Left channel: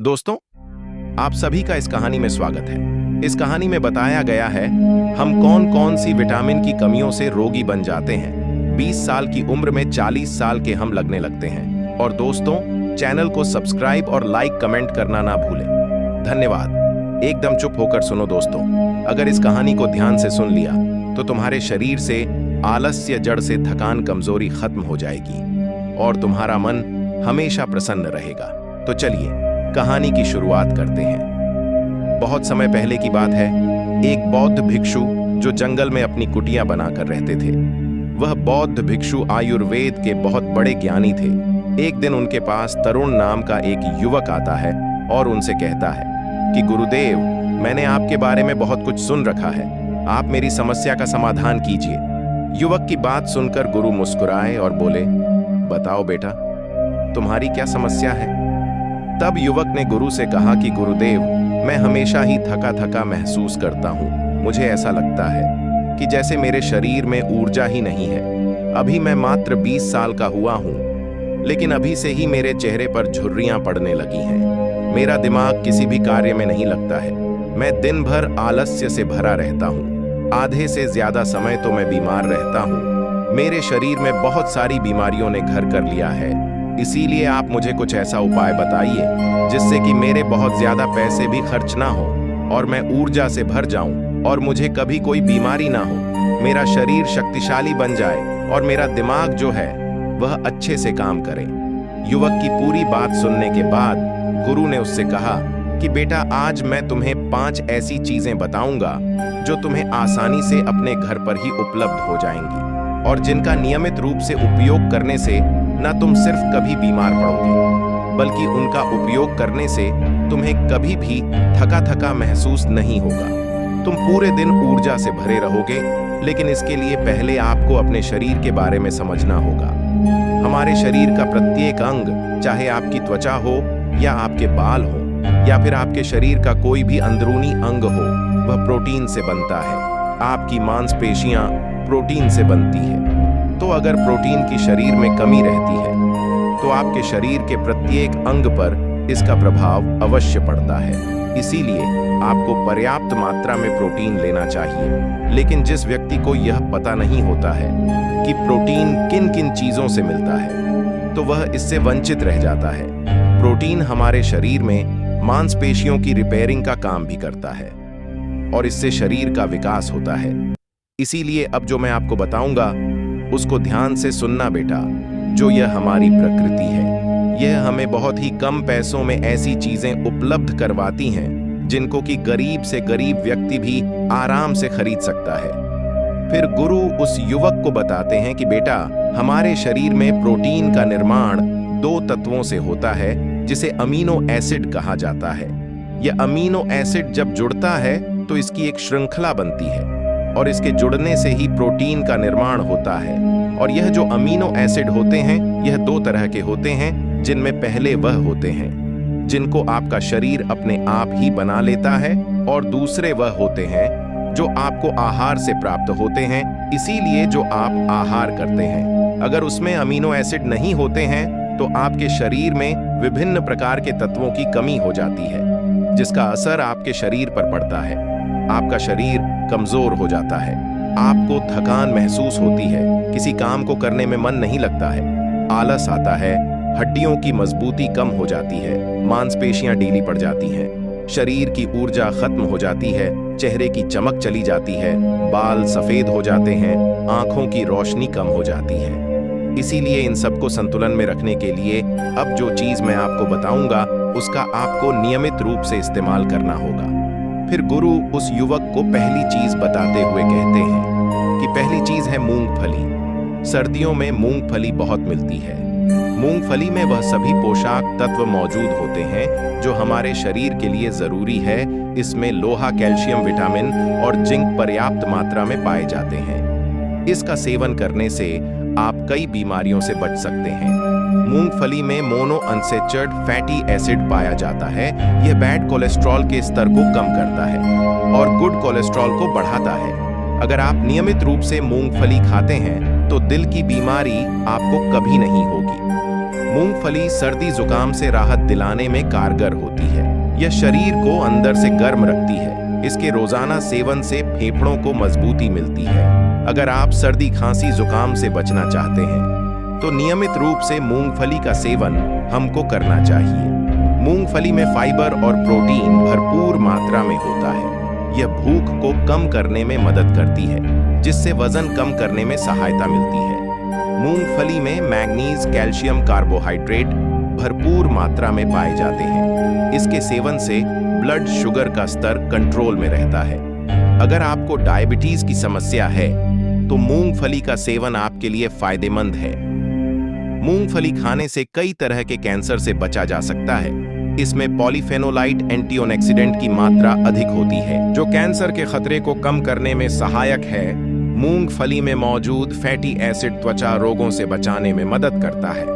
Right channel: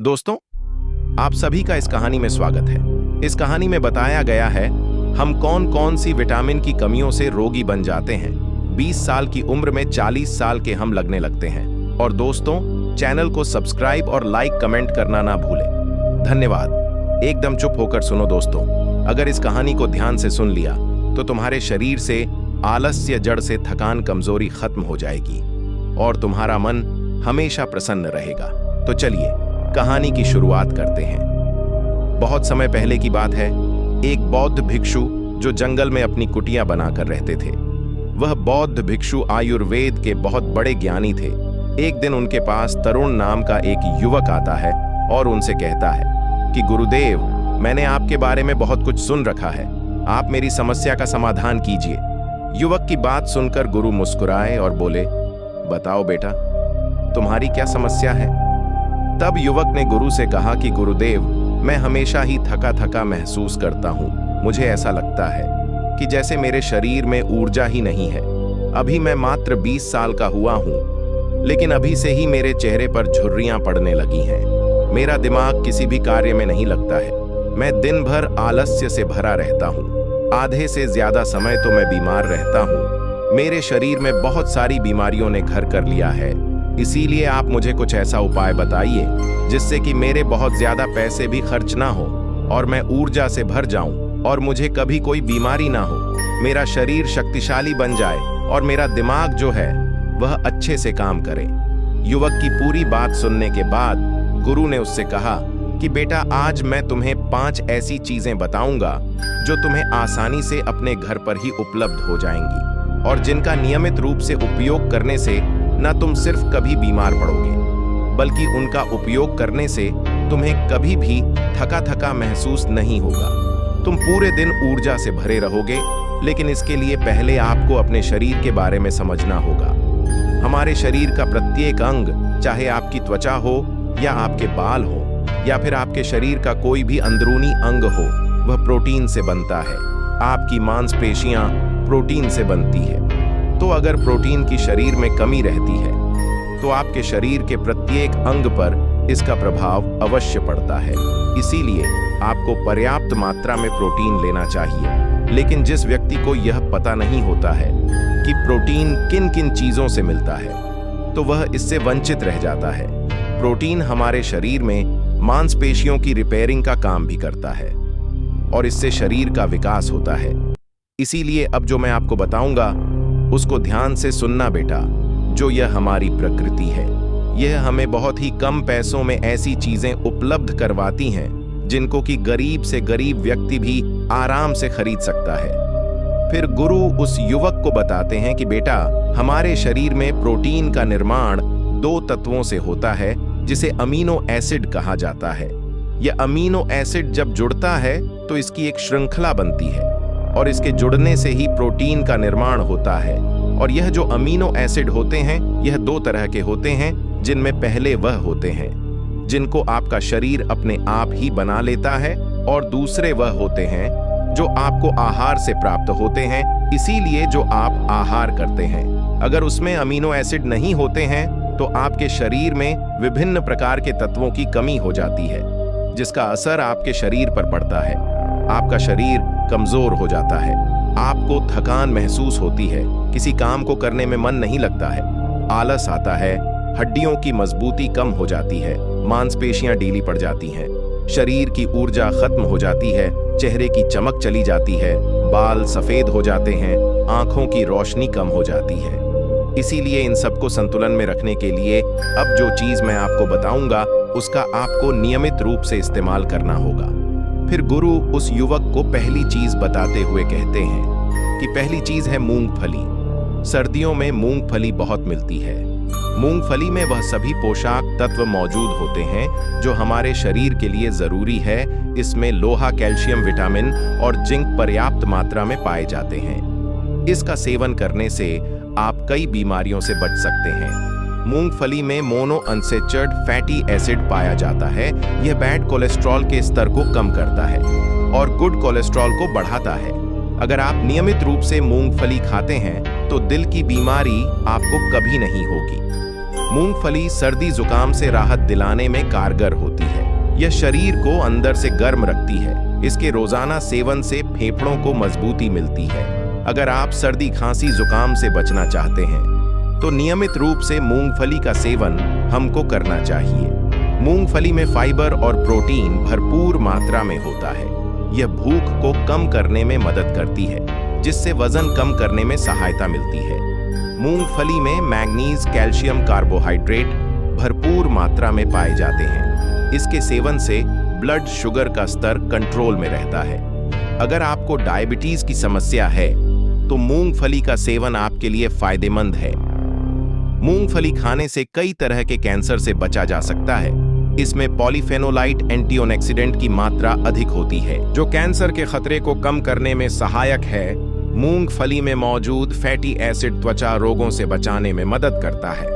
दोस्तों, आप सभी का इस कहानी में स्वागत है। इस कहानी में बताया गया है हम कौन कौन सी विटामिन की कमियों से रोगी बन जाते हैं। 20 साल की उम्र में 40 साल के हम लगने लगते हैं। और दोस्तों, चैनल को सब्सक्राइब और लाइक कमेंट करना ना भूलें। धन्यवाद। एकदम चुप होकर सुनो दोस्तों। अगर इस कहानी को ध्यान से सुन लिया तो तुम्हारे शरीर से आलस्य जड़ से थकान कमजोरी खत्म हो जाएगी और तुम्हारा मन हमेशा प्रसन्न रहेगा। तो चलिए कहानी की शुरुआत करते हैं। बहुत समय पहले की बात है। एक बौद्ध भिक्षु जो जंगल में अपनी कुटिया बनाकर रहते थे। वह बौद्ध भिक्षु आयुर्वेद के बहुत बड़े ज्ञानी थे। एक दिन उनके पास तरुण नाम का एक युवक आता है और उनसे कहता है कि गुरुदेव, मैंने आपके बारे में बहुत कुछ सुन रखा है। आप मेरी समस्या का समाधान कीजिए। युवक की बात सुनकर गुरु मुस्कुराए और बोले, बताओ बेटा, तुम्हारी क्या समस्या है? तब युवक ने गुरु से कहा कि गुरुदेव, मैं हमेशा ही थका थका महसूस करता हूँ। मुझे ऐसा लगता है कि जैसे मेरे शरीर में ऊर्जा ही नहीं है। अभी मैं मात्र 20 साल का हुआ हूँ, लेकिन अभी से ही मेरे चेहरे पर झुर्रियां पड़ने लगी हैं। मेरा दिमाग किसी भी कार्य में नहीं लगता है। मैं दिन भर आलस्य से भरा रहता हूँ। आधे से ज्यादा समय तो मैं बीमार रहता हूँ। मेरे शरीर में बहुत सारी बीमारियों ने घर कर लिया है। इसीलिए आप मुझे कुछ ऐसा उपाय बताइए जिससे कि मेरे बहुत ज्यादा पैसे भी खर्च ना हो और मैं ऊर्जा से भर जाऊं और मुझे कभी कोई बीमारी ना हो। मेरा शरीर शक्तिशाली बन जाए और मेरा दिमाग जो है वह अच्छे से काम करे। युवक की पूरी बात सुनने के बाद गुरु ने उससे कहा कि बेटा, आज मैं तुम्हें 5 ऐसी चीजें बताऊंगा जो तुम्हें आसानी से अपने घर पर ही उपलब्ध हो जाएंगी और जिनका नियमित रूप से उपयोग करने से न तुम सिर्फ कभी बीमार पड़ोगे, बल्कि उनका उपयोग करने से तुम्हें कभी भी थका थका महसूस नहीं होगा। तुम पूरे दिन ऊर्जा से भरे रहोगे। लेकिन इसके लिए पहले आपको अपने शरीर के बारे में समझना होगा। हमारे शरीर का प्रत्येक अंग, चाहे आपकी त्वचा हो या आपके बाल हो या फिर आपके शरीर का कोई भी अंदरूनी अंग हो, वह प्रोटीन से बनता है। आपकी मांसपेशियां प्रोटीन से बनती है। तो अगर प्रोटीन की शरीर में कमी रहती है तो आपके शरीर के प्रत्येक अंग पर इसका प्रभाव अवश्य पड़ता है। इसीलिए आपको पर्याप्त मात्रा में प्रोटीन लेना चाहिए। लेकिन जिस व्यक्ति को यह पता नहीं होता है कि प्रोटीन किन किन चीजों से मिलता है, तो वह इससे वंचित रह जाता है। प्रोटीन हमारे शरीर में मांसपेशियों की रिपेयरिंग का काम भी करता है और इससे शरीर का विकास होता है। इसीलिए अब जो मैं आपको बताऊंगा उसको ध्यान से सुनना बेटा। जो यह हमारी प्रकृति है, यह हमें बहुत ही कम पैसों में ऐसी चीजें उपलब्ध करवाती हैं जिनको कि गरीब से गरीब व्यक्ति भी आराम से खरीद सकता है। फिर गुरु उस युवक को बताते हैं कि बेटा, हमारे शरीर में प्रोटीन का निर्माण 2 तत्वों से होता है जिसे अमीनो एसिड कहा जाता है। यह अमीनो एसिड जब जुड़ता है तो इसकी एक श्रृंखला बनती है और इसके जुड़ने से ही प्रोटीन का निर्माण होता है। और यह जो अमीनो एसिड होते हैं, यह 2 तरह के होते हैं, जिनमें पहले वह होते हैं जिनको आपका शरीर अपने आप ही बना लेता है और दूसरे वह होते हैं जो आपको आहार से प्राप्त होते हैं। इसीलिए जो आप आहार करते हैं, अगर उसमें अमीनो एसिड नहीं होते हैं तो आपके शरीर में विभिन्न प्रकार के तत्वों की कमी हो जाती है, जिसका असर आपके शरीर पर पड़ता है। आपका शरीर कमजोर हो जाता है। आपको थकान महसूस होती है। किसी काम को करने में मन नहीं लगता है। आलस आता है। हड्डियों की मजबूती कम हो जाती है। मांसपेशियां ढीली पड़ जाती हैं। शरीर की ऊर्जा खत्म हो जाती है। चेहरे की चमक चली जाती है। बाल सफेद हो जाते हैं। आंखों की रोशनी कम हो जाती है। इसीलिए इन सबको संतुलन में रखने के लिए अब जो चीज मैं आपको बताऊंगा उसका आपको नियमित रूप से इस्तेमाल करना होगा। फिर गुरु उस युवक को पहली चीज बताते हुए कहते हैं कि पहली चीज है मूंगफली। सर्दियों में मूंगफली बहुत मिलती है। मूंगफली में वह सभी पोषक तत्व मौजूद होते हैं जो हमारे शरीर के लिए जरूरी है। इसमें लोहा, कैल्शियम, विटामिन और जिंक पर्याप्त मात्रा में पाए जाते हैं। इसका सेवन करने से आप कई बीमारियों से बच सकते हैं। मूंगफली में मोनो अनसैचुरेटेड फैटी एसिड पाया जाता है। यह बैड कोलेस्ट्रॉल के स्तर को कम करता है और गुड कोलेस्ट्रॉल को बढ़ाता है। अगर आप नियमित रूप से मूंगफली खाते हैं तो दिल की बीमारी आपको कभी नहीं होगी। मूंगफली सर्दी जुकाम से राहत दिलाने में कारगर होती है। यह शरीर को अंदर से गर्म रखती है। इसके रोजाना सेवन से फेफड़ों को मजबूती मिलती है। अगर आप सर्दी खांसी जुकाम से बचना चाहते हैं तो नियमित रूप से मूंगफली का सेवन हमको करना चाहिए। मूंगफली में फाइबर और प्रोटीन भरपूर मात्रा में होता है। यह भूख को कम करने में मदद करती है, जिससे वजन कम करने में सहायता मिलती है। मूंगफली में मैग्नीज, कैल्शियम, कार्बोहाइड्रेट भरपूर मात्रा में पाए जाते हैं। इसके सेवन से ब्लड शुगर का स्तर कंट्रोल में रहता है। अगर आपको डायबिटीज की समस्या है तो मूंगफली का सेवन आपके लिए फायदेमंद है। मूंगफली खाने से कई तरह के कैंसर से बचा जा सकता है। इसमें पॉलीफेनोलाइट एंटीऑक्सीडेंट की मात्रा अधिक होती है, जो कैंसर के खतरे को कम करने में सहायक है। मूंगफली में मौजूद फैटी एसिड त्वचा रोगों से बचाने में मदद करता है।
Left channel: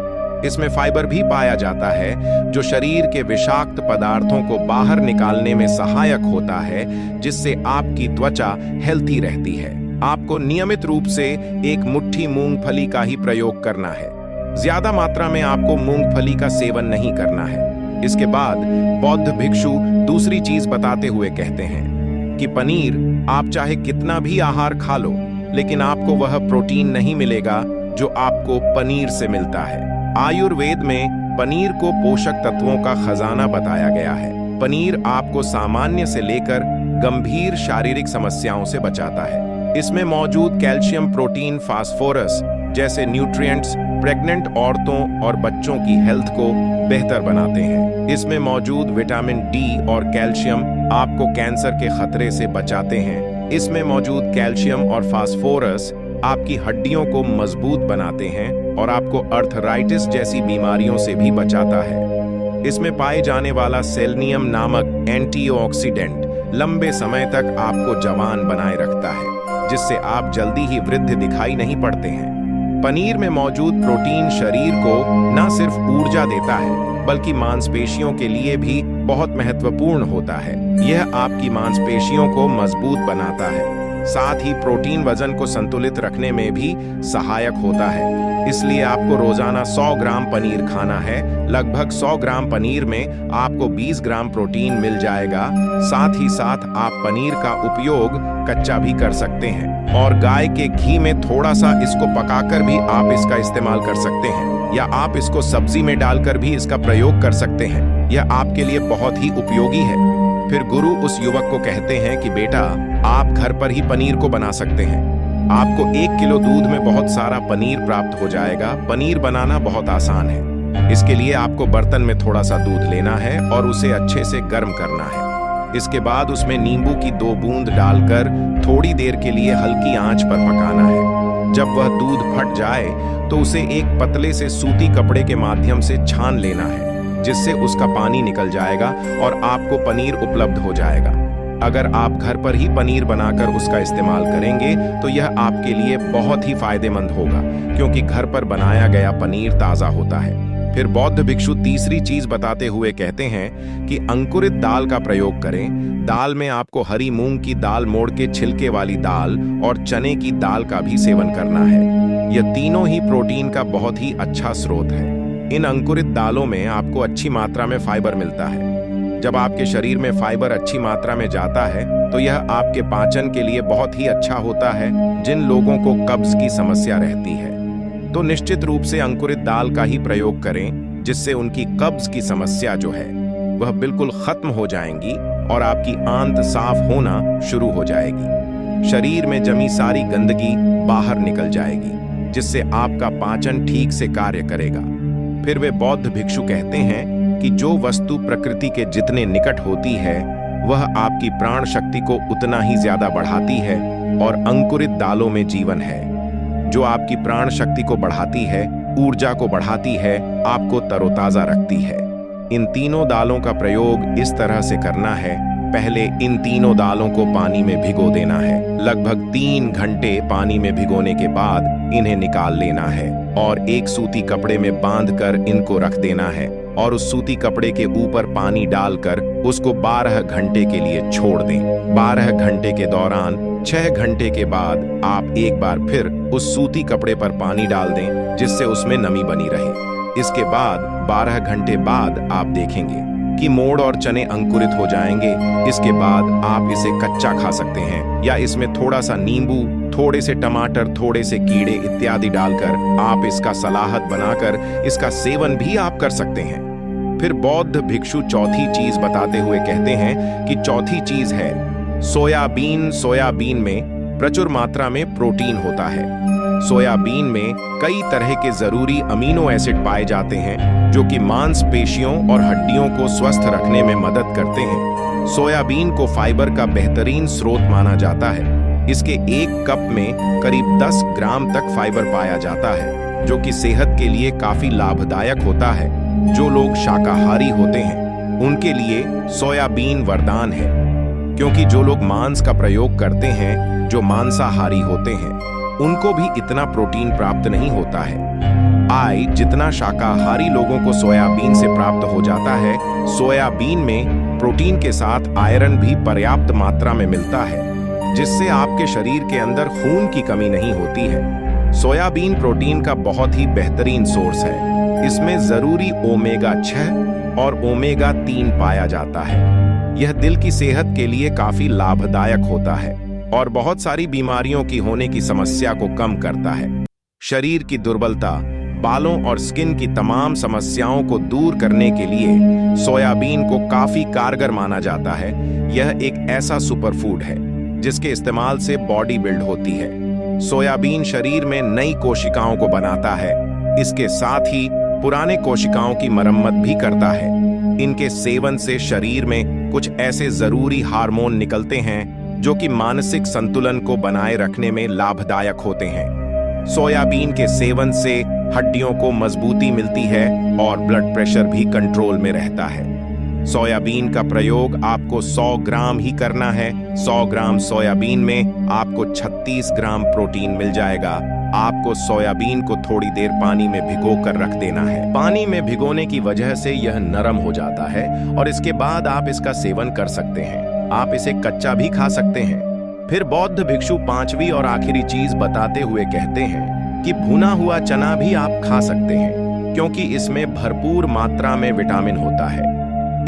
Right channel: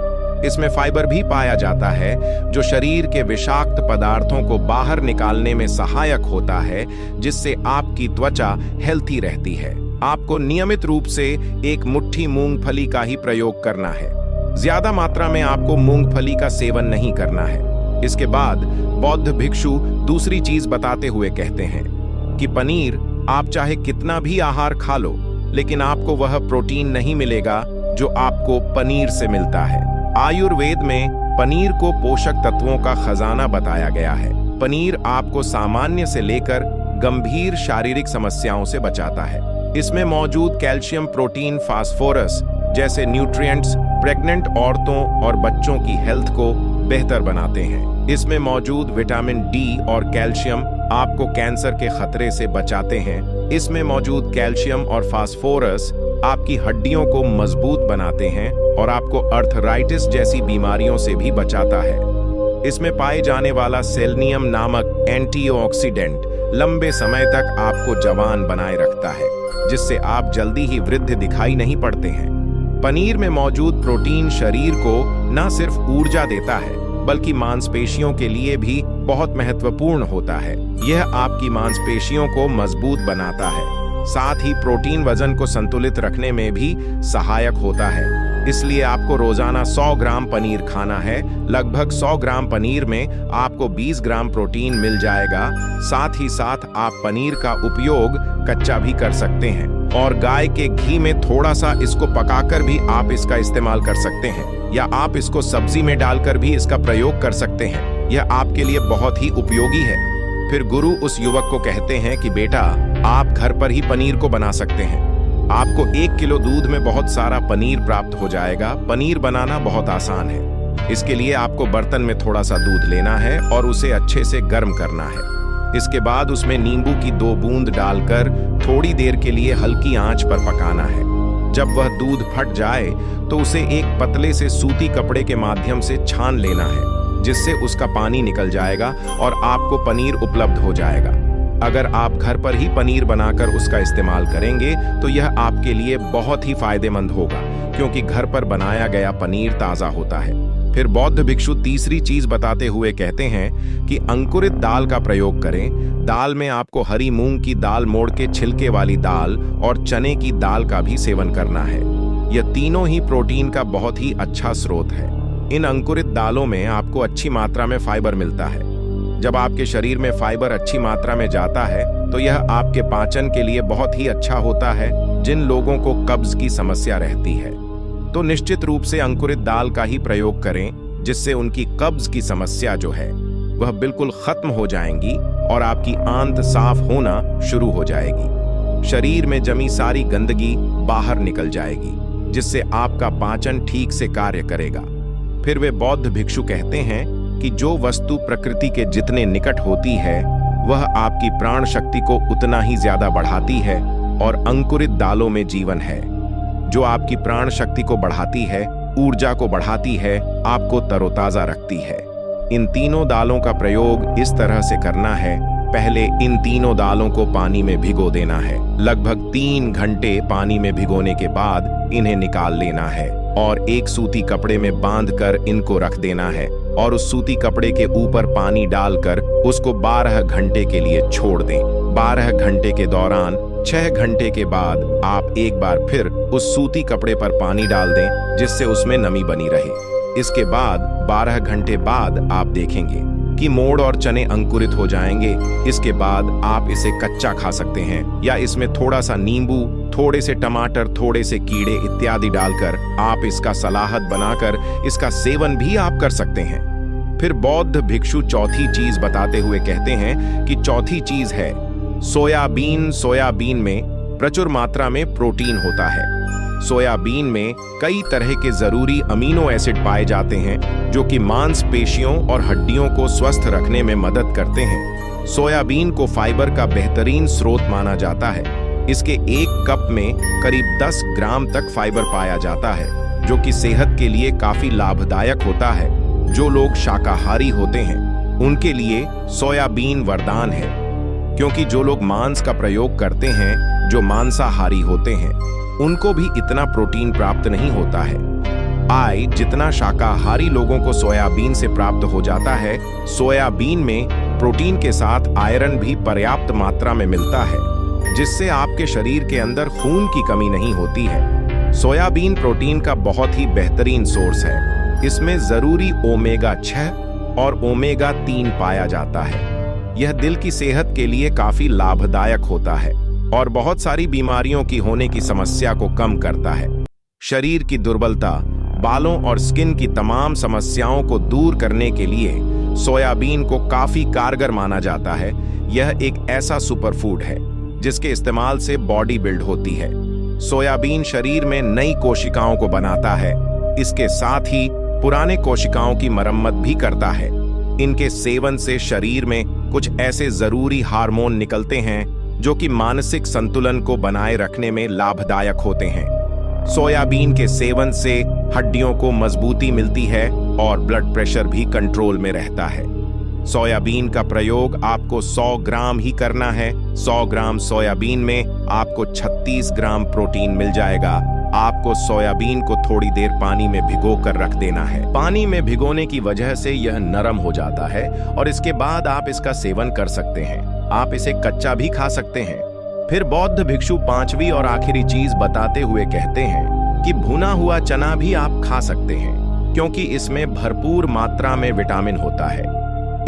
इसमें फाइबर भी पाया जाता है, जो शरीर के विषाक्त पदार्थों को बाहर निकालने में सहायक होता है, जिससे आपकी त्वचा हेल्थी रहती है। आपको नियमित रूप से एक मुट्ठी मूंगफली का ही प्रयोग करना है। ज्यादा मात्रा में आपको मूंगफली का सेवन नहीं करना है। इसके बाद बौद्ध भिक्षु दूसरी चीज बताते हुए कहते हैं कि पनीर आप चाहे कितना भी आहार खा लो, लेकिन आपको वह प्रोटीन नहीं मिलेगा जो आपको पनीर से मिलता है। आयुर्वेद में पनीर को पोषक तत्वों का खजाना बताया गया है। पनीर आपको सामान्य से लेकर गंभीर शारीरिक समस्याओं से बचाता है। इसमें मौजूद कैल्शियम, प्रोटीन, फास्फोरस जैसे न्यूट्रिएंट्स प्रेग्नेंट औरतों और बच्चों की हेल्थ को बेहतर बनाते हैं। इसमें मौजूद विटामिन डी और कैल्शियम आपको कैंसर के खतरे से बचाते हैं। इसमें मौजूद कैल्शियम और फास्फोरस आपकी हड्डियों को मजबूत बनाते हैं और आपको अर्थराइटिस जैसी बीमारियों से भी बचाता है। इसमें पाए जाने वाला सेलेनियम नामक एंटीऑक्सीडेंट लंबे समय तक आपको जवान बनाए रखता है, जिससे आप जल्दी ही वृद्ध दिखाई नहीं पड़ते हैं। पनीर में मौजूद प्रोटीन शरीर को न सिर्फ ऊर्जा देता है, बल्कि मांसपेशियों के लिए भी बहुत महत्वपूर्ण होता है। यह आपकी मांसपेशियों को मजबूत बनाता है। साथ ही प्रोटीन वजन को संतुलित रखने में भी सहायक होता है। इसलिए आपको रोजाना 100 ग्राम पनीर खाना है। लगभग 100 ग्राम पनीर में आपको 20 ग्राम प्रोटीन मिल जाएगा। साथ ही साथ आप पनीर का उपयोग कच्चा भी कर सकते हैं और गाय के घी में थोड़ा सा इसको पकाकर भी आप इसका इस्तेमाल कर सकते हैं, या आप इसको सब्जी में डालकर भी इसका प्रयोग कर सकते हैं। यह आपके लिए बहुत ही उपयोगी है। फिर गुरु उस युवक को कहते हैं कि बेटा, आप घर पर ही पनीर को बना सकते हैं। आपको 1 किलो दूध में बहुत सारा पनीर प्राप्त हो जाएगा। पनीर बनाना बहुत आसान है। इसके लिए आपको बर्तन में थोड़ा सा दूध लेना है और उसे अच्छे से गर्म करना है। इसके बाद उसमें नींबू की 2 बूंद डालकर थोड़ी देर के लिए हल्की आंच पर पकाना है। जब वह दूध फट जाए तो उसे एक पतले से सूती कपड़े के माध्यम से छान लेना है, जिससे उसका पानी निकल जाएगा और आपको पनीर उपलब्ध हो जाएगा। अगर आप घर पर ही पनीर बनाकर उसका इस्तेमाल करेंगे तो यह आपके लिए बहुत ही फायदेमंद होगा, क्योंकि घर पर बनाया गया पनीर ताज़ा होता है। फिर बौद्ध भिक्षु तीसरी चीज बताते हुए कहते हैं कि अंकुरित दाल का प्रयोग करें। दाल में आपको हरी मूंग की दाल, मोड़ के छिलके वाली दाल और चने की दाल का भी सेवन करना है। यह तीनों ही प्रोटीन का बहुत ही अच्छा स्रोत है। इन अंकुरित दालों में आपको अच्छी मात्रा में फाइबर मिलता है। जब आपके शरीर में फाइबर अच्छी मात्रा में जाता है तो यह आपके पाचन के लिए बहुत ही अच्छा होता है। जिन लोगों को कब्ज की समस्या रहती है तो निश्चित रूप से अंकुरित दाल का ही प्रयोग करें, जिससे उनकी कब्ज की समस्या जो है वह बिल्कुल खत्म हो जाएंगी और आपकी आंत साफ होना शुरू हो जाएगी। शरीर में जमी सारी गंदगी बाहर निकल जाएगी, जिससे आपका पाचन ठीक से कार्य करेगा। फिर वे बौद्ध भिक्षु कहते हैं कि जो वस्तु प्रकृति के जितने निकट होती है वह आपकी प्राण शक्ति को उतना ही ज्यादा बढ़ाती है, और अंकुरित दालों में जीवन है, जो आपकी प्राण शक्ति को बढ़ाती है, ऊर्जा को बढ़ाती है, आपको तरोताजा रखती है। इन तीनों दालों का प्रयोग इस तरह से करना है। पहले इन तीनों दालों को पानी में भिगो देना है। लगभग 3 घंटे पानी में भिगोने के बाद इन्हें निकाल लेना है और एक सूती कपड़े में बांधकर इनको रख देना है, और उस सूती कपड़े के ऊपर पानी डालकर उसको 12 घंटे के लिए छोड़ दें। 12 घंटे के दौरान 6 घंटे के बाद आप एक बार फिर उस सूती कपड़े पर पानी डाल दें, जिससे उसमें नमी बनी रहे। इसके बाद 12 घंटे बाद आप देखेंगे कि मोड़ और चने अंकुरित हो जाएंगे। इसके बाद आप इसे कच्चा खा सकते हैं या इसमें थोड़ा सा नींबू, थोड़े से टमाटर, थोड़े से कीड़े इत्यादि डालकर आप इसका सलाहत बनाकर इसका सेवन भी आप कर सकते हैं। फिर बौद्ध भिक्षु चौथी चीज बताते हुए कहते हैं कि चौथी चीज है सोयाबीन। सोयाबीन में प्रचुर मात्रा में प्रोटीन होता है। सोयाबीन में कई तरह के जरूरी अमीनो एसिड पाए जाते हैं जो कि मांसपेशियों और हड्डियों को स्वस्थ रखने में मदद करते हैं। सोयाबीन को फाइबर का बेहतरीन स्रोत माना जाता है। इसके एक कप में करीब 10 ग्राम तक फाइबर पाया जाता है जो कि सेहत के लिए काफी लाभदायक होता है। जो लोग शाकाहारी होते हैं उनके लिए सोयाबीन वरदान है, क्योंकि जो लोग मांस का प्रयोग करते हैं, जो मांसाहारी होते हैं, उनको भी इतना प्रोटीन प्राप्त नहीं होता है जितना शाकाहारी लोगों को सोयाबीन से प्राप्त हो जाता है। सोयाबीन में प्रोटीन के साथ आयरन भी पर्याप्त मात्रा में मिलता है, जिससे आपके शरीर के अंदर खून की कमी नहीं होती है। सोयाबीन प्रोटीन का बहुत ही बेहतरीन सोर्स है। इसमें जरूरी ओमेगा 6 और ओमेगा 3 पाया जाता है। यह दिल की सेहत के लिए काफी लाभदायक होता है और बहुत सारी बीमारियों की होने की समस्या को कम करता है। शरीर की दुर्बलता, बालों और स्किन की तमाम समस्याओं को दूर करने के लिए सोयाबीन को काफी कारगर माना जाता है। यह एक ऐसा सुपरफूड है जिसके इस्तेमाल से बॉडी बिल्ड होती है। सोयाबीन शरीर में नई कोशिकाओं को बनाता है। इसके साथ ही पुराने कोशिकाओं की मरम्मत भी करता है। इनके सेवन से शरीर में कुछ ऐसे जरूरी हार्मोन निकलते हैं जो कि मानसिक संतुलन को बनाए रखने में लाभदायक होते हैं। सोयाबीन के सेवन से हड्डियों को मजबूती मिलती है और ब्लड प्रेशर भी कंट्रोल में रहता है। सोयाबीन का प्रयोग आपको 100 ग्राम ही करना है। 100 ग्राम सोयाबीन में आपको 36 ग्राम प्रोटीन मिल जाएगा। आपको सोयाबीन को थोड़ी देर पानी में भिगो कर रख देना है। पानी में भिगोने की वजह से यह नरम हो जाता है और इसके बाद आप इसका सेवन कर सकते हैं। आप इसे कच्चा भी खा सकते हैं। फिर बौद्ध भिक्षु पांचवी और आखिरी चीज बताते हुए कहते हैं कि भुना हुआ चना भी आप खा सकते हैं, क्योंकि इसमें भरपूर मात्रा में विटामिन होता है।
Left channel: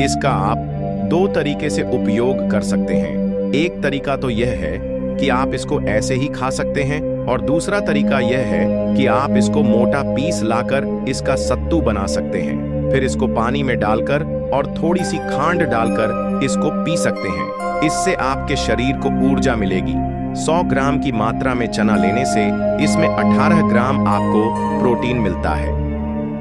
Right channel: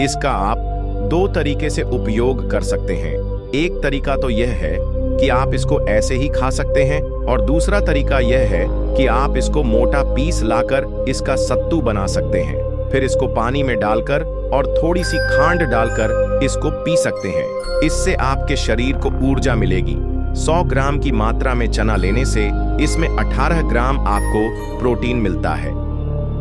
इसका आप 2 तरीके से उपयोग कर सकते हैं। एक तरीका तो यह है कि आप इसको ऐसे ही खा सकते हैं और दूसरा तरीका यह है कि आप इसको मोटा पीस लाकर इसका सत्तू बना सकते हैं। फिर इसको पानी में डालकर और थोड़ी सी खांड डालकर इसको पी सकते हैं। इससे आपके शरीर को ऊर्जा मिलेगी। 100 ग्राम की मात्रा में चना लेने से इसमें 18 ग्राम आपको प्रोटीन मिलता है।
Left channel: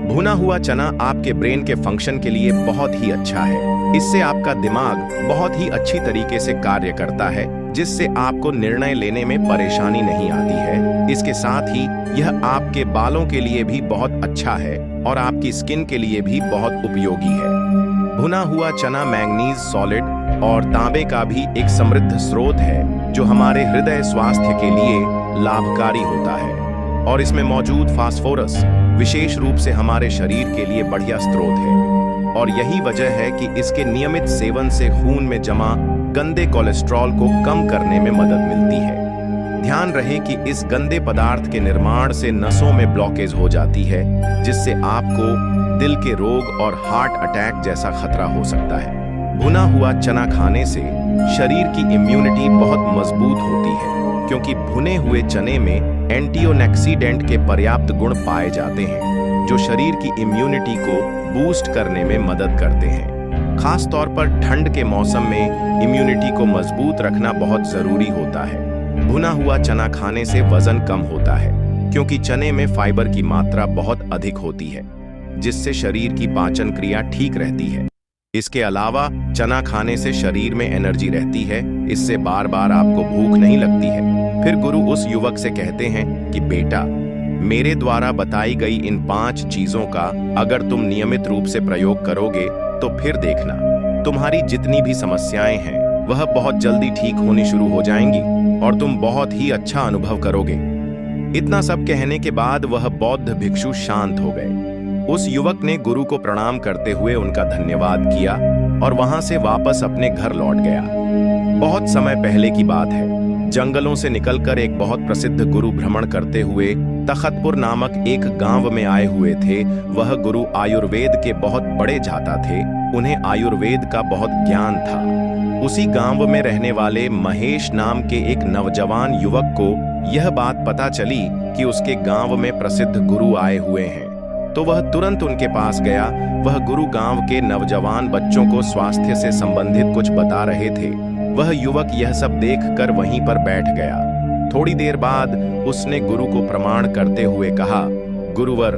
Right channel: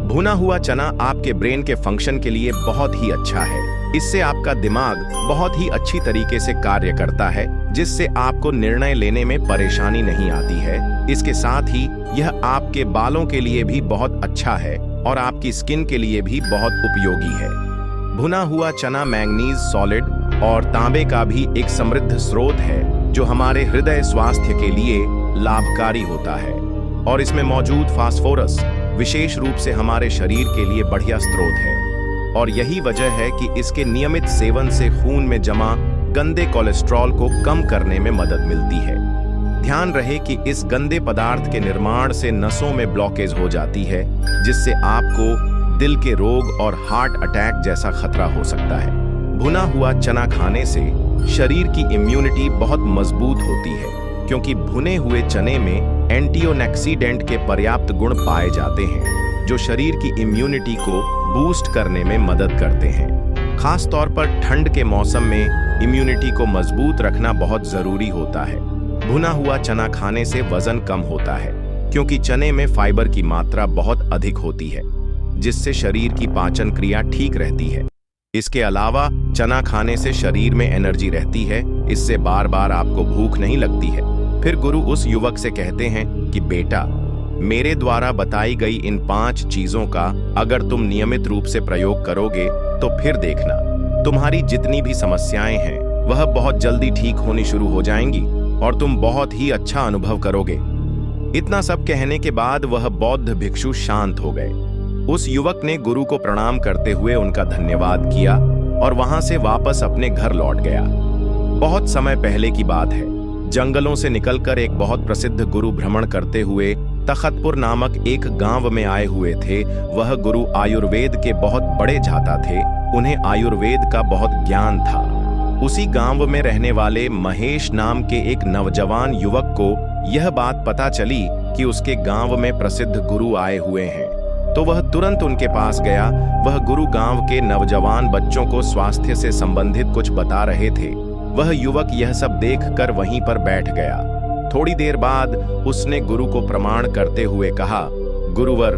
भुना हुआ चना आपके ब्रेन के फंक्शन के लिए बहुत ही अच्छा है। इससे आपका दिमाग बहुत ही अच्छी तरीके से कार्य करता है, जिससे आपको निर्णय लेने में परेशानी नहीं आती है। इसके साथ ही यह आपके बालों के लिए भी बहुत अच्छा है और आपकी स्किन के लिए भी बहुत उपयोगी है। भुना हुआ चना मैंगनीज, सॉलिड और तांबे का भी एक समृद्ध स्रोत है, जो हमारे हृदय स्वास्थ्य के लिए लाभकारी होता है। और इसमें मौजूद फास्फोरस विशेष रूप से हमारे शरीर के लिए बढ़िया स्रोत है। और यही वजह है कि इसके नियमित सेवन से खून में जमा गंदे कोलेस्ट्रॉल को कम करने में मदद मिलती है। ध्यान रहे कि इस गंदे पदार्थ के निर्माण से नसों में ब्लॉकेज हो जाती है, जिससे आपको दिल के रोग और हार्ट अटैक जैसा खतरा हो सकता है। भुना हुआ चना खाने से शरीर की इम्यूनिटी बहुत मजबूत होती है, क्योंकि भुने हुए चने में एंटीऑक्सीडेंट के पर्याप्त गुण पाए जाते हैं, जो शरीर की इम्यूनिटी को बूस्ट करने में मदद करते हैं। खास तौर पर ठंड के मौसम में इम्यूनिटी को मजबूत रखना बहुत जरूरी होता है। भुना हुआ चना खाने से वजन कम होता है, क्योंकि चने में फाइबर की मात्रा बहुत अधिक होती है, जिससे शरीर की पाचन क्रिया ठीक रहती है। इसके अलावा चना खाने से शरीर में एनर्जी रहती है, इससे बार बार आपको भूख नहीं लगती है। फिर गुरु उस युवक से कहते हैं कि बेटा, मेरे द्वारा बताई गई इन 5 चीजों का अगर तुम नियमित रूप से प्रयोग करोगे तो फिर देखना, तुम्हारी जितनी भी समस्याएं हैं वह बहुत जल्दी ठीक होनी शुरू हो जाएंगी और तुम बहुत ही अच्छा अनुभव करोगे। इतना सब कहने के बाद वह बौद्ध भिक्षु शांत हो गए। उस युवक ने गुरु को प्रणाम करते हुए उनका धन्यवाद किया और वहां से वापस अपने घर लौट गया। बहुत समय पहले की बात है। जंगलों से निकलकर एक बहुत प्रसिद्ध गुरु भ्रमण करते हुए तखतपुर नामक एक गांव में आए हुए थे। वह गुरु आयुर्वेद के बहुत बड़े जाता थे। उन्हें आयुर्वेद का बहुत ज्ञान था। उसी गांव में रहने वाले महेश नाम के एक नौजवान युवक को यह बात पता चली कि उसके गांव में प्रसिद्ध गुरु आए हुए हैं, तो वह तुरंत उनके पास गया। वह गुरु गांव के नौजवान बच्चों को स्वास्थ्य से संबंधित कुछ बता रहे थे। वह युवक यह सब देखकर वहीं पर बैठ गया। थोड़ी देर बाद उसने गुरु को प्रणाम करते हुए कहा, गुरुवर,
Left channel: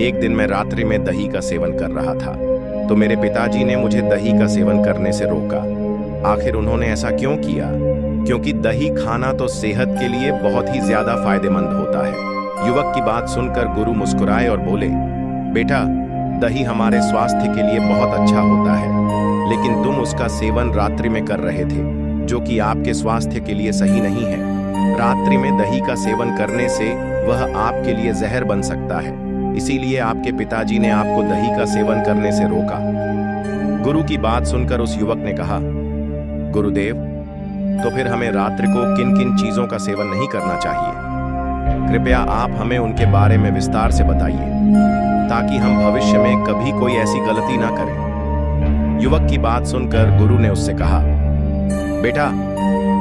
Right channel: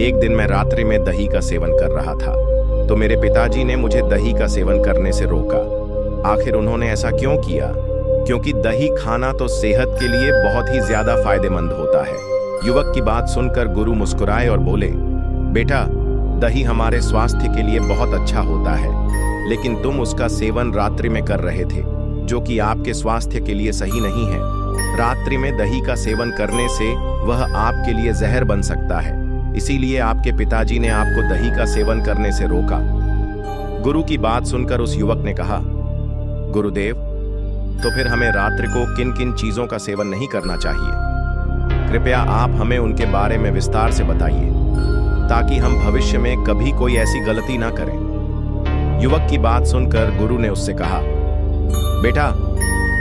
एक दिन मैं रात्रि में दही का सेवन कर रहा था, तो मेरे पिताजी ने मुझे दही का सेवन करने से रोका। आखिर उन्होंने ऐसा क्यों किया? क्योंकि दही खाना तो सेहत के लिए बहुत ही ज्यादा फायदेमंद होता है। युवक की बात सुनकर गुरु मुस्कुराए और बोले, बेटा, दही हमारे स्वास्थ्य के लिए बहुत अच्छा होता है, लेकिन तुम उसका सेवन रात्रि में कर रहे थे, जो कि आपके स्वास्थ्य के लिए सही नहीं है। रात्रि में दही का सेवन करने से वह आपके लिए जहर बन सकता है, इसीलिए आपके पिताजी ने आपको दही का सेवन करने से रोका। गुरु की बात सुनकर उस युवक ने कहा, गुरुदेव, तो फिर हमें रात्रि को किन किन चीजों का सेवन नहीं करना चाहिए? कृपया आप हमें उनके बारे में विस्तार से बताइए, ताकि हम भविष्य में कभी कोई ऐसी गलती ना करें। युवक की बात सुनकर गुरु ने उससे कहा, बेटा,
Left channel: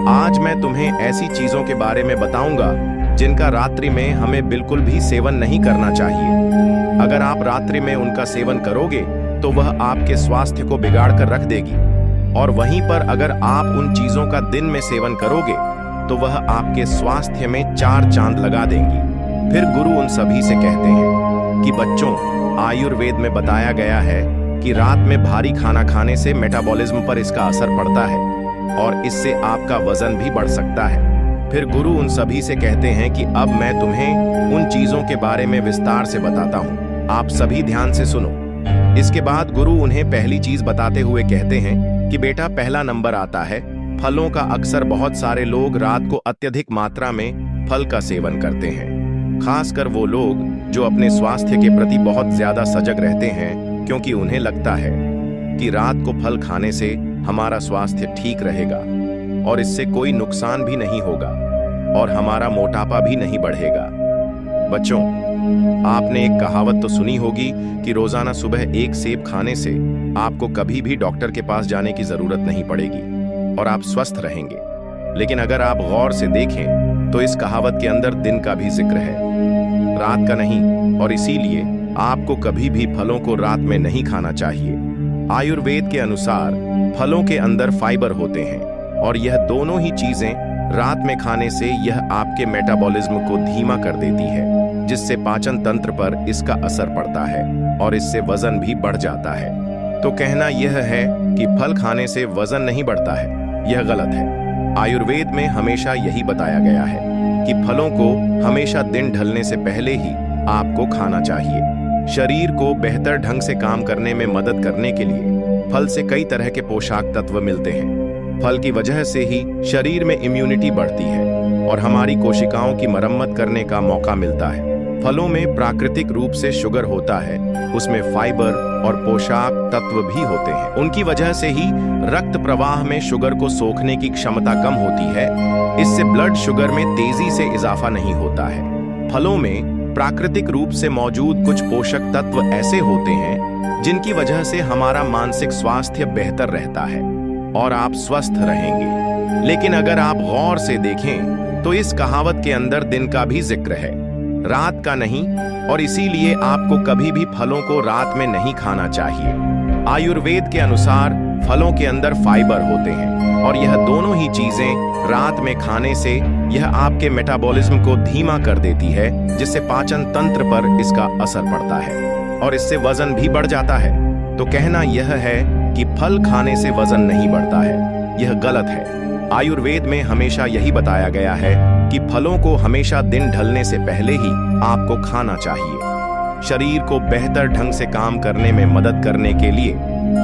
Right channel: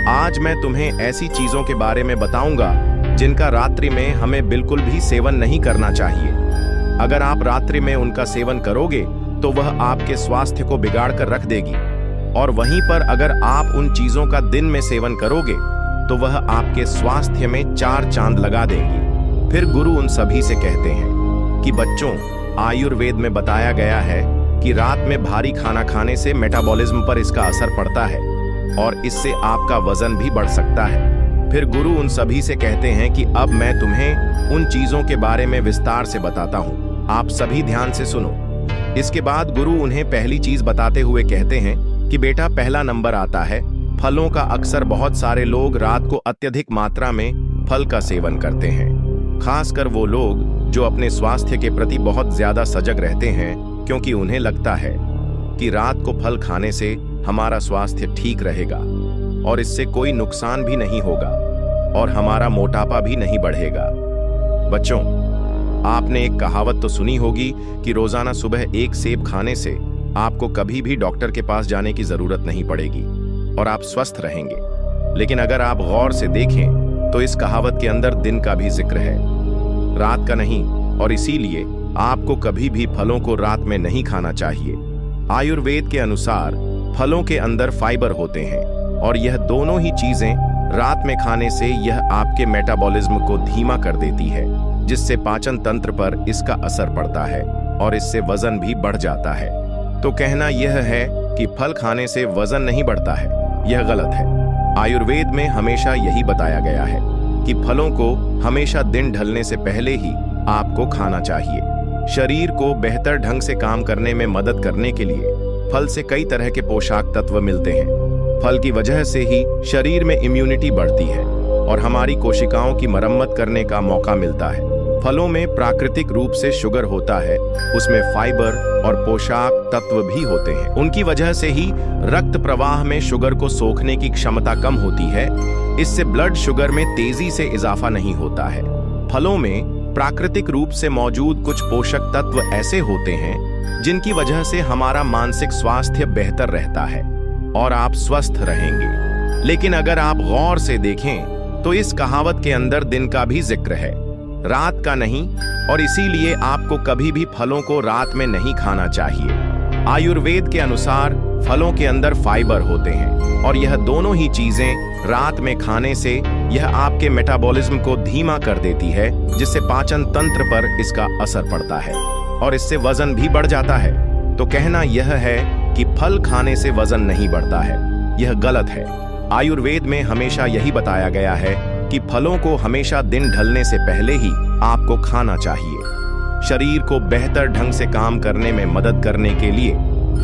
आज मैं तुम्हें ऐसी चीजों के बारे में बताऊंगा जिनका रात्रि में हमें बिल्कुल भी सेवन नहीं करना चाहिए। अगर आप रात्रि में उनका सेवन करोगे तो वह आपके स्वास्थ्य को बिगाड़ कर रख देगी, और वहीं पर अगर आप उन चीजों का दिन में सेवन करोगे तो वह आपके स्वास्थ्य में 4 चांद लगा देंगी। फिर गुरु उन सभी से कहते हैं कि बच्चों, आयुर्वेद में बताया गया है कि रात में भारी खाना खाने से मेटाबॉलिज्म पर इसका असर पड़ता है और इससे आपका वजन भी बढ़ सकता है। फिर गुरु उन सभी से कहते हैं कि अब मैं तुम्हें उन चीजों के बारे में विस्तार से बताता हूं, आप सभी ध्यान से सुनो। इसके बाद गुरु उन्हें पहली चीज बताते हुए कहते हैं कि बेटा, पहला नंबर आता है फलों का। अक्सर बहुत सारे लोग रात को अत्यधिक मात्रा में फल का सेवन करते हैं, खासकर वो लोग जो अपने स्वास्थ्य के प्रति बहुत ज्यादा सजग रहते हैं, क्योंकि उन्हें लगता है कि रात को फल खाने से हमारा स्वास्थ्य ठीक रहेगा और इससे कोई नुकसान भी नहीं होगा और हमारा मोटापा भी नहीं बढ़ेगा। बच्चों, आपने एक कहावत तो सुनी होगी कि रोजाना सुबह एक सेब खाने से आपको कभी भी डॉक्टर के पास जाने की जरूरत नहीं पड़ेगी और आप स्वस्थ रहेंगे। लेकिन अगर आप गौर से देखें तो इस कहावत के अंदर दिन का भी जिक्र है, रात का नहीं, और इसीलिए आपको कभी भी फलों को रात में नहीं खाना चाहिए। आयुर्वेद के अनुसार फलों के अंदर फाइबर होते हैं और यह दोनों ही चीजें रात में खाने से यह आपके मेटाबॉलिज्म को धीमा कर देती है, जिससे पाचन तंत्र पर इसका असर पड़ता है और इससे वजन भी बढ़ जाता है। तो कहना यह है कि फल खाने से वजन नहीं बढ़ता है, यह गलत है। आयुर्वेद में हमेशा यही बताया गया है कि फलों को हमेशा दिन ढलने से पहले ही आपको खाना चाहिए। शरीर को बेहतर ढंग से काम करने में मदद करने के लिए फल से कई तरह के पोषक तत्व मिलते हैं। फल की वजह से ही शरीर में इम्यूनिटी बढ़ती है और हमारी कोशिकाओं की मरम्मत करने का मौका मिलता है। फलों में प्राकृतिक रूप से शुगर होता है, उसमें फाइबर और पोषक तत्व भी होते हैं। उनकी वजह से ही रक्त प्रवाह में शुगर को सोखने की क्षमता कम होती है। इससे ब्लड शुगर में तेजी से इजाफा नहीं होता है। फलों में प्राकृतिक रूप से मौजूद कुछ पोषक तत्व ऐसे होते हैं जिनकी वजह से हमारा मानसिक स्वास्थ्य बेहतर रहता है और आप स्वस्थ रहेंगे। लेकिन अगर आप गौर से देखें तो इस कहावत के अंदर दिन का भी जिक्र है, रात का नहीं, और इसीलिए आपको कभी भी फलों को रात में नहीं खाना चाहिए। आयुर्वेद के अनुसार फलों के अंदर फाइबर होते हैं और यह दोनों ही चीजें रात में खाने से यह आपके मेटाबॉलिज्म को धीमा कर देती है, जिससे पाचन तंत्र पर इसका असर पड़ता है और इससे वजन भी बढ़ जाता है। तो कहना यह है कि फल खाने से वजन नहीं बढ़ता है, यह गलत है। आयुर्वेद में हमेशा यही बताया गया है कि फलों को हमेशा दिन ढलने से पहले ही आपको खाना चाहिए। शरीर को बेहतर ढंग से काम करने में मदद करने के लिए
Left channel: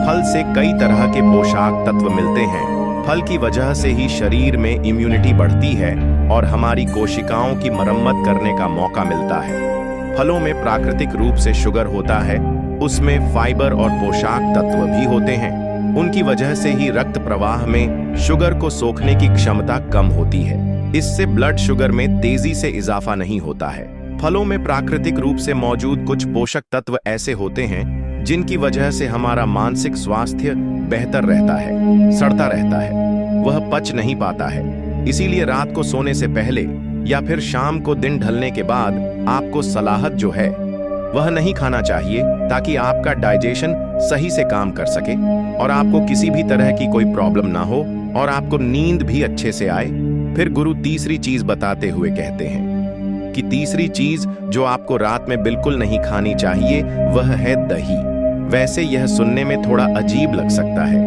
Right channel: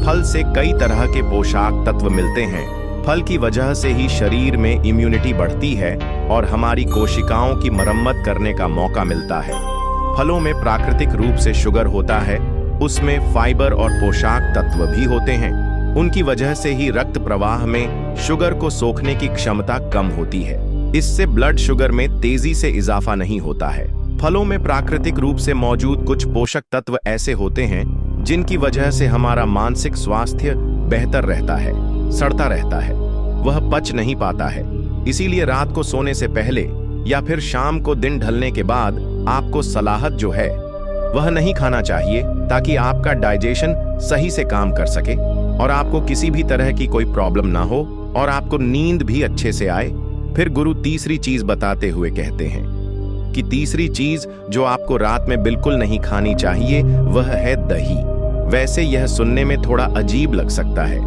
फल से कई तरह के पोषक तत्व मिलते हैं। फल की वजह से ही शरीर में इम्यूनिटी बढ़ती है और हमारी कोशिकाओं की मरम्मत करने का मौका मिलता है। फलों में प्राकृतिक रूप से शुगर होता है, उसमें फाइबर और पोषक तत्व भी होते हैं। उनकी वजह से ही रक्त प्रवाह में शुगर को सोखने की क्षमता कम होती है। इससे ब्लड शुगर में तेजी से इजाफा नहीं होता है। फलों में प्राकृतिक रूप से मौजूद कुछ पोषक तत्व ऐसे होते हैं जिनकी वजह से हमारा मानसिक स्वास्थ्य बेहतर रहता है, सड़ता रहता है, वह पच नहीं पाता है। इसीलिए रात को सोने से पहले या फिर शाम को दिन ढलने के बाद आपको सलाहत जो है वह नहीं खाना चाहिए, ताकि आपका डाइजेशन सही से काम कर सके और आपको किसी भी तरह की कोई प्रॉब्लम ना हो और आपको नींद भी अच्छे से आए। फिर गुरु तीसरी चीज बताते हुए कहते हैं कि तीसरी चीज जो आपको रात में बिल्कुल नहीं खानी चाहिए वह है दही। वैसे यह सुनने में थोड़ा अजीब लग सकता है,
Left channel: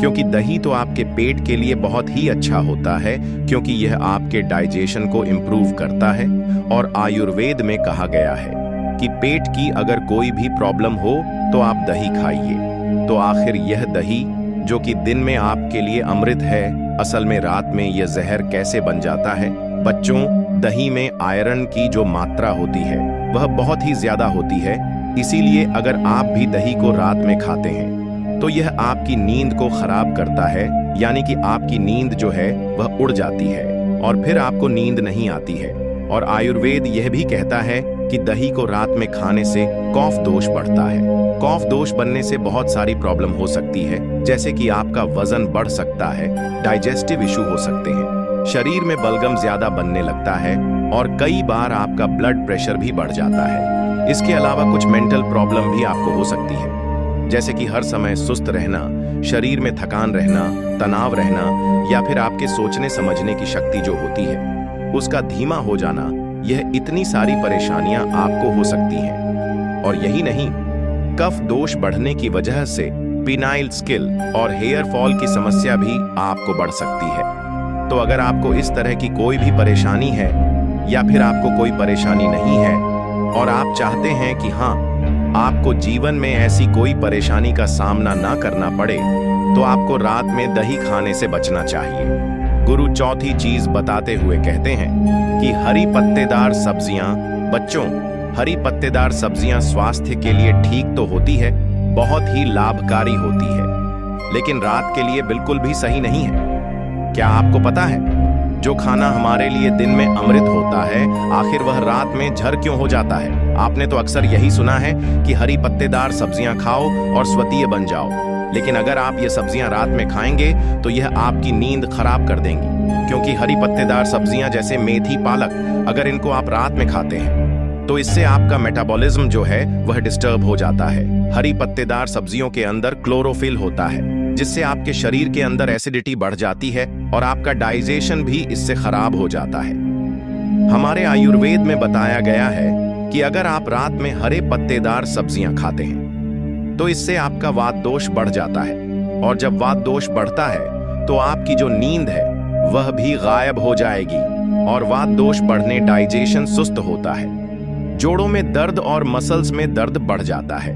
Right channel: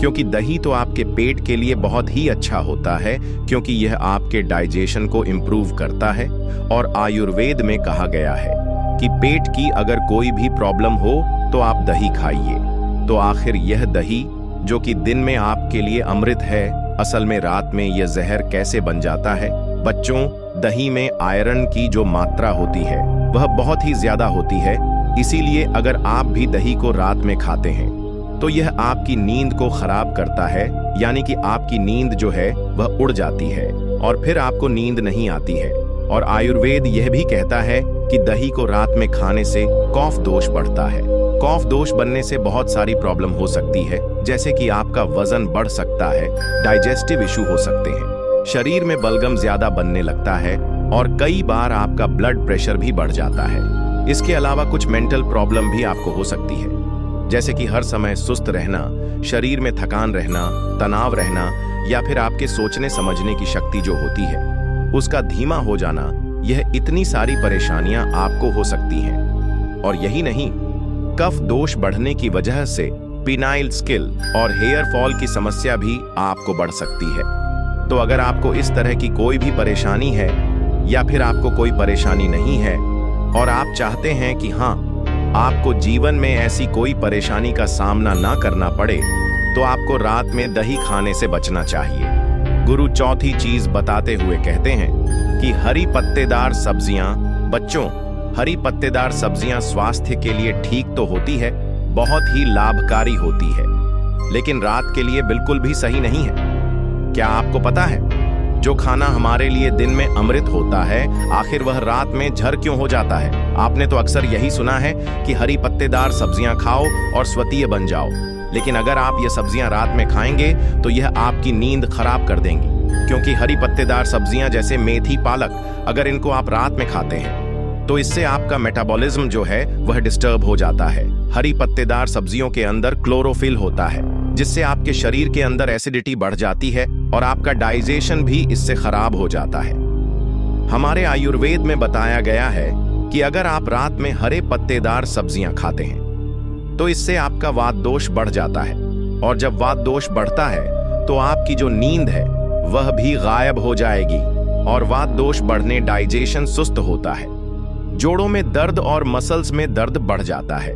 क्योंकि दही तो आपके पेट के लिए बहुत ही अच्छा होता है, क्योंकि यह आपके डाइजेशन को इम्प्रूव करता है। और आयुर्वेद में कहा गया है कि पेट की अगर कोई भी प्रॉब्लम हो तो आप दही खाइए। तो आखिर यह दही जो कि दिन में आपके लिए अमृत है, असल में रात में यह जहर कैसे बन जाता है? बच्चों, दही में आयरन की जो मात्रा होती है वह बहुत ही ज्यादा होती है। इसीलिए अगर आप भी दही को रात में खाते हैं तो यह आपकी नींद को खराब करता है, यानी कि आपकी नींद जो है वह उड़ जाती है और फिर आपको नींद नहीं आती है। और आयुर्वेद यह भी कहता है कि दही को रात में खाने से कफ दोष बढ़ता है। कफ दोष बनने से बहुत सारी प्रॉब्लम हो सकती है, जैसे कि आपका वजन बढ़ सकता है, डाइजेस्टिव इशू हो सकते हैं, शरीर में बलगम ज्यादा बनने लगता है और कई बार आपका ब्लड प्रेशर भी बढ़ जाता है। इसके अलावा कुछ मेंटल प्रॉब्लम भी आपको हो सकती है, जैसे कि हर समय सुस्त रहना, शरीर में थकान रहना, तनाव रहना, या फिर आपके सोचने समझने की शक्ति जो होती है उसका धीमा हो जाना। यह इतनी सारी परेशानियां आपको हो सकती हैं। और यही नहीं, कफ दोष बढ़ने की वजह से पिनाइल स्किल और हेयर फॉल की समस्या भी आपको बढ़ सकती है। तो अगर आपको इस तरह की कोई भी परेशानी है या फिर आपको कोई परेशानी नहीं है और आप चाहते हैं कि हाँ, आपको जीवन में ऐसी कोई परेशानी का सामना ना करना पड़े, तो आपको रात में दही खाने से बचना चाहिए। गुरु चौथी चीज बताते हुए कहते हैं कि हरी पत्तेदार सब्जियां, बच्चों, हरी पत्तेदार सब्जियां स्वास्थ्य के लिए ठीक तो होती है, बहुत ही लाभकारी होती है, लेकिन रात के लिए बिल्कुल भी सही नहीं है। क्या आपको पता है, जो खाना हमारे लिए दिन में अमृत होता है, आखिर वह रात में झर क्यों हो जाता है? आपने तो अक्सर यही सुना है कि हरी पत्तेदार सब्जियां खाओ और स्वतीय बन जाओ, लेकिन अगर आप ये सब्जियां रात में खाएंगे तो यह आपकी नींद खराब कर देंगी, क्योंकि हरी पत्तेदार सब्जियां जैसे मेथी, पालक, अगर इनको आप रात में खाते हैं तो इससे आपका मेटाबॉलिज्म जो है वह डिस्टर्ब हो जाता है। हरी पत्तेदार सब्जियों के अंदर क्लोरोफिल होता है, जिससे आपके शरीर के अंदर एसिडिटी बढ़ जाती है और आपका डाइजेशन भी इससे खराब हो जाता है। हमारे आयुर्वेद में बताया गया है कि अगर आप रात में हरे पत्तेदार सब्जियां खाते हैं तो इससे आपका वात दोष बढ़ जाता है, और जब वात दोष बढ़ता है तो आपकी जो नींद है वह भी गायब हो जाएगी और वात दोष बढ़ने डाइजेशन सुस्त होता है, जोड़ों में दर्द और मसल्स में दर्द बढ़ जाता है,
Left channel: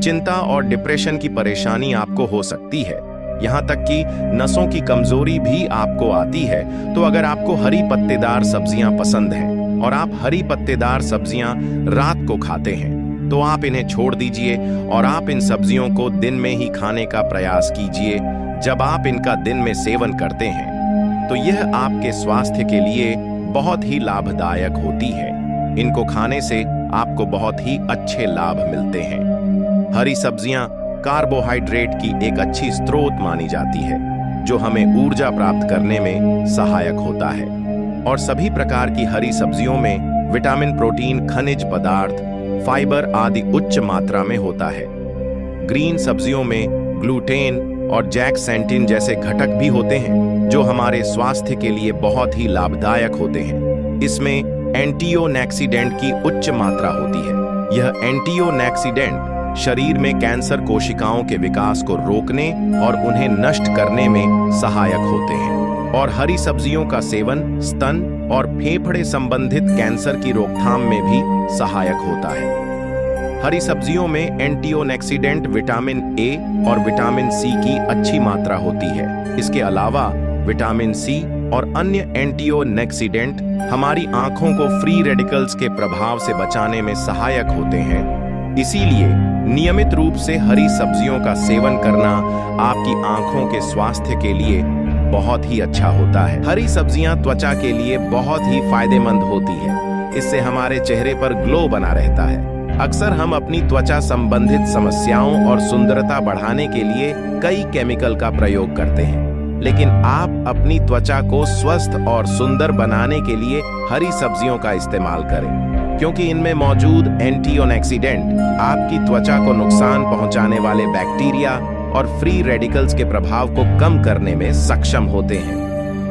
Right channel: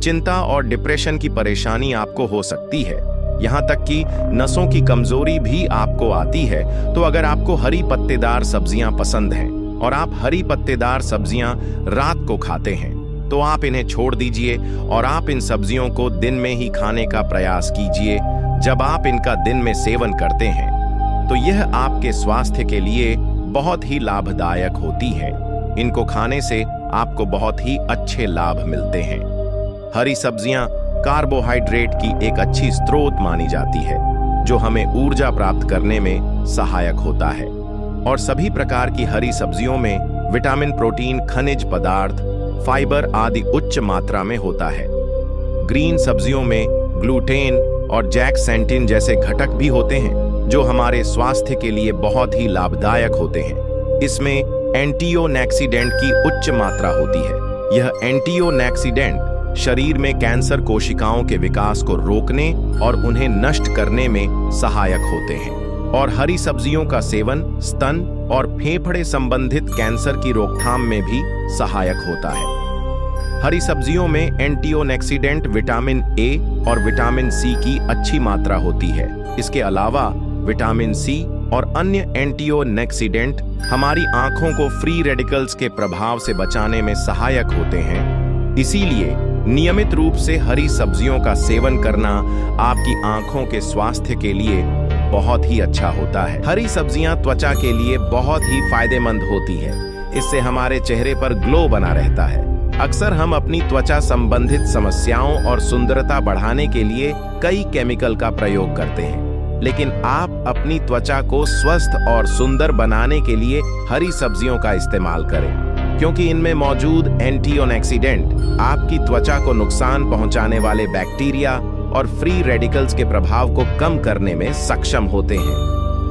चिंता और डिप्रेशन की परेशानी आपको हो सकती है, यहां तक कि नसों की कमजोरी भी आपको आती है। तो अगर आपको हरी पत्तेदार सब्जियां पसंद हैं और आप हरी पत्तेदार सब्जियां रात को खाते हैं तो आप इन्हें छोड़ दीजिए और आप इन सब्जियों को दिन में ही खाने का प्रयास कीजिए। जब आप इनका दिन में सेवन करते हैं तो यह आपके स्वास्थ्य के लिए बहुत ही लाभदायक होती है। इनको खाने से आपको बहुत ही अच्छे लाभ मिलते हैं। हरी सब्जियां कार्बोहाइड्रेट की एक अच्छी स्रोत मानी जाती है, जो हमें ऊर्जा प्राप्त करने में सहायक होता है। और सभी प्रकार की हरी सब्जियों में विटामिन, प्रोटीन, खनिज पदार्थ, फाइबर आदि उच्च मात्रा में होता है। ग्रीन सब्जियों में ग्लूटेन और जैक्सेंटिन जैसे घटक भी होते हैं, जो हमारे स्वास्थ्य के लिए बहुत ही लाभदायक होते हैं। इसमें एंटीओक्सीडेंट की उच्च मात्रा होती है। यह एंटीओक्सीडेंट शरीर में कैंसर कोशिकाओं के विकास को रोकने और उन्हें नष्ट करने में सहायक होते हैं। और हरी सब्जियों का सेवन स्तन और फेफड़े संबंधित कैंसर की रोकथाम में भी सहायक होता है। हरी सब्जियों में एंटीओक्सीडेंट विटामिन ए और विटामिन सी की अच्छी मात्रा होती है। इसके अलावा विटामिन सी और अन्य एंटीओक्सीडेंट हमारी आंखों को फ्री रेडिकल्स के प्रभाव से बचाने में सहायक होते हैं। इसीलिए नियमित रूप से हरी सब्जियों का सेवन करना आपकी आंखों के स्वास्थ्य के लिए बहुत ही अच्छा होता है। हरी सब्जियां त्वचा के लिए बहुत ही फायदेमंद होती है। इससे हमारे चेहरे पर ग्लो बना रहता है। अक्सर हम अपनी त्वचा संबंधित समस्याओं और सुंदरता बढ़ाने के लिए कई केमिकल का प्रयोग करते हैं, लेकिन आप अपनी त्वचा को स्वस्थ और सुंदर बनाने के लिए हरी सब्जियों का इस्तेमाल करें, क्योंकि इनमें मौजूद एंटीऑक्सीडेंट आपकी त्वचा को नुकसान पहुंचाने वाले बैक्टीरिया और फ्री रेडिकल्स के प्रभाव को कम करने में सक्षम होते हैं।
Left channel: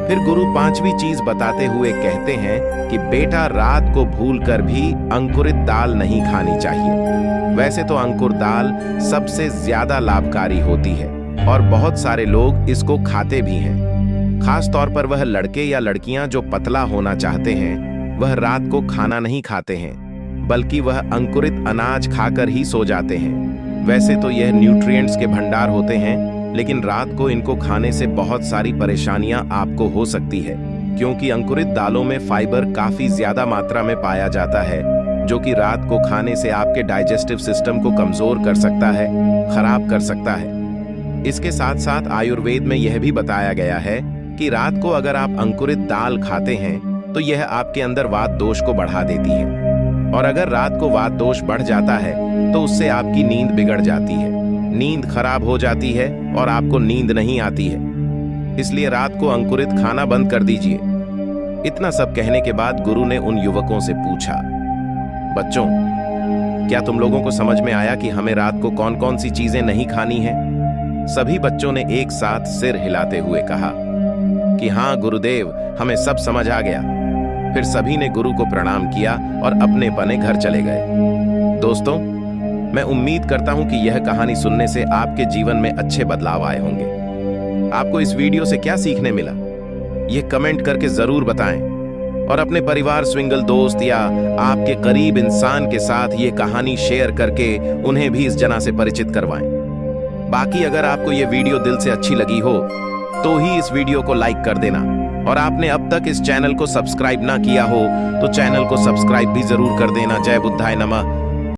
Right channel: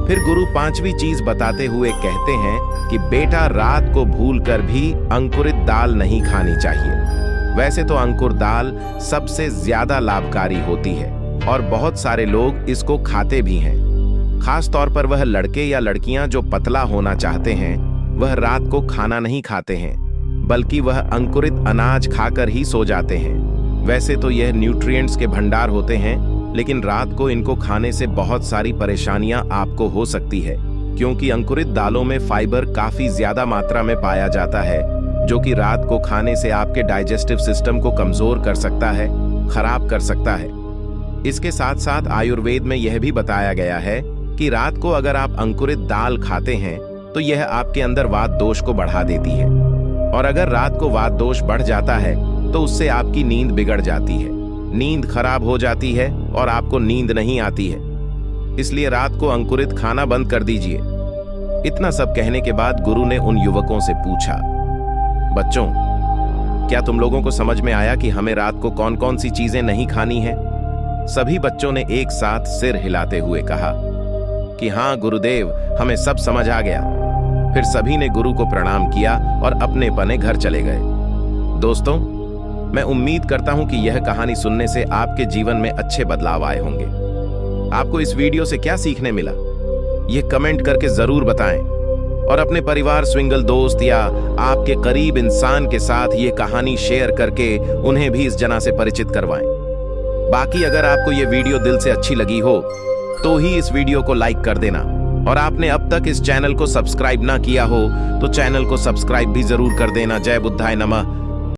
फिर गुरु पांचवी चीज बताते हुए कहते हैं कि बेटा, रात को भूलकर भी अंकुरित दाल नहीं खानी चाहिए। वैसे तो अंकुर दाल सबसे ज्यादा लाभकारी होती है और बहुत सारे लोग इसको खाते भी हैं। खास तौर पर वह लड़के या लड़कियां जो पतला होना चाहते हैं, वह रात को खाना नहीं खाते हैं, बल्कि वह अंकुरित अनाज खाकर ही सो जाते हैं। वैसे तो यह न्यूट्रिएंट्स के भंडार होते हैं, लेकिन रात को इनको खाने से बहुत सारी परेशानियां आपको हो सकती है, क्योंकि अंकुरित दालों में फाइबर काफी ज्यादा मात्रा में पाया जाता है, जो कि रात को खाने से आपके डाइजेस्टिव सिस्टम को कमजोर कर सकता है, खराब कर सकता है। इसके साथ साथ आयुर्वेद में यह भी बताया गया है कि रात को अगर आप अंकुरित दाल खाते हैं तो यह आपके अंदर वात दोष को बढ़ा देती है, और अगर रात को वात दोष बढ़ जाता है तो उससे आपकी नींद बिगड़ जाती है, नींद खराब हो जाती है और आपको नींद नहीं आती है। इसलिए रात को अंकुरित खाना बंद कर दीजिए। इतना सब कहने के बाद गुरु ने उन युवकों से पूछा, बच्चों, क्या तुम लोगों को समझ में आया कि हमें रात को कौन कौन सी चीजें नहीं खानी है? सभी बच्चों ने एक साथ सिर हिलाते हुए कहा कि हाँ गुरुदेव, हमें सब समझ आ गया। फिर सभी ने गुरु को प्रणाम किया और अपने अपने घर चले गए। दोस्तों, मैं उम्मीद करता हूं कि यह कहानी सुनने से आपके जीवन में अच्छे बदलाव आए होंगे। आपको इस वीडियो से क्या सीखने मिला, यह कमेंट करके जरूर बताएं, और अपने परिवार, स्विंगल दोस्त या आपके करीब इंसान के साथ यह कहानी शेयर करके उन्हें भी इस जना से परिचित करवाएं। बाकी अगर आपको यह वीडियो दिल से अच्छी लगी हो तो ही इस वीडियो को लाइक कर देना, और आपने अब तक इस चैनल को सब्सक्राइब ना किया हो तो चैनल को सब्सक्राइब भी जरूर कर देना। जय बुद्धाय नमः।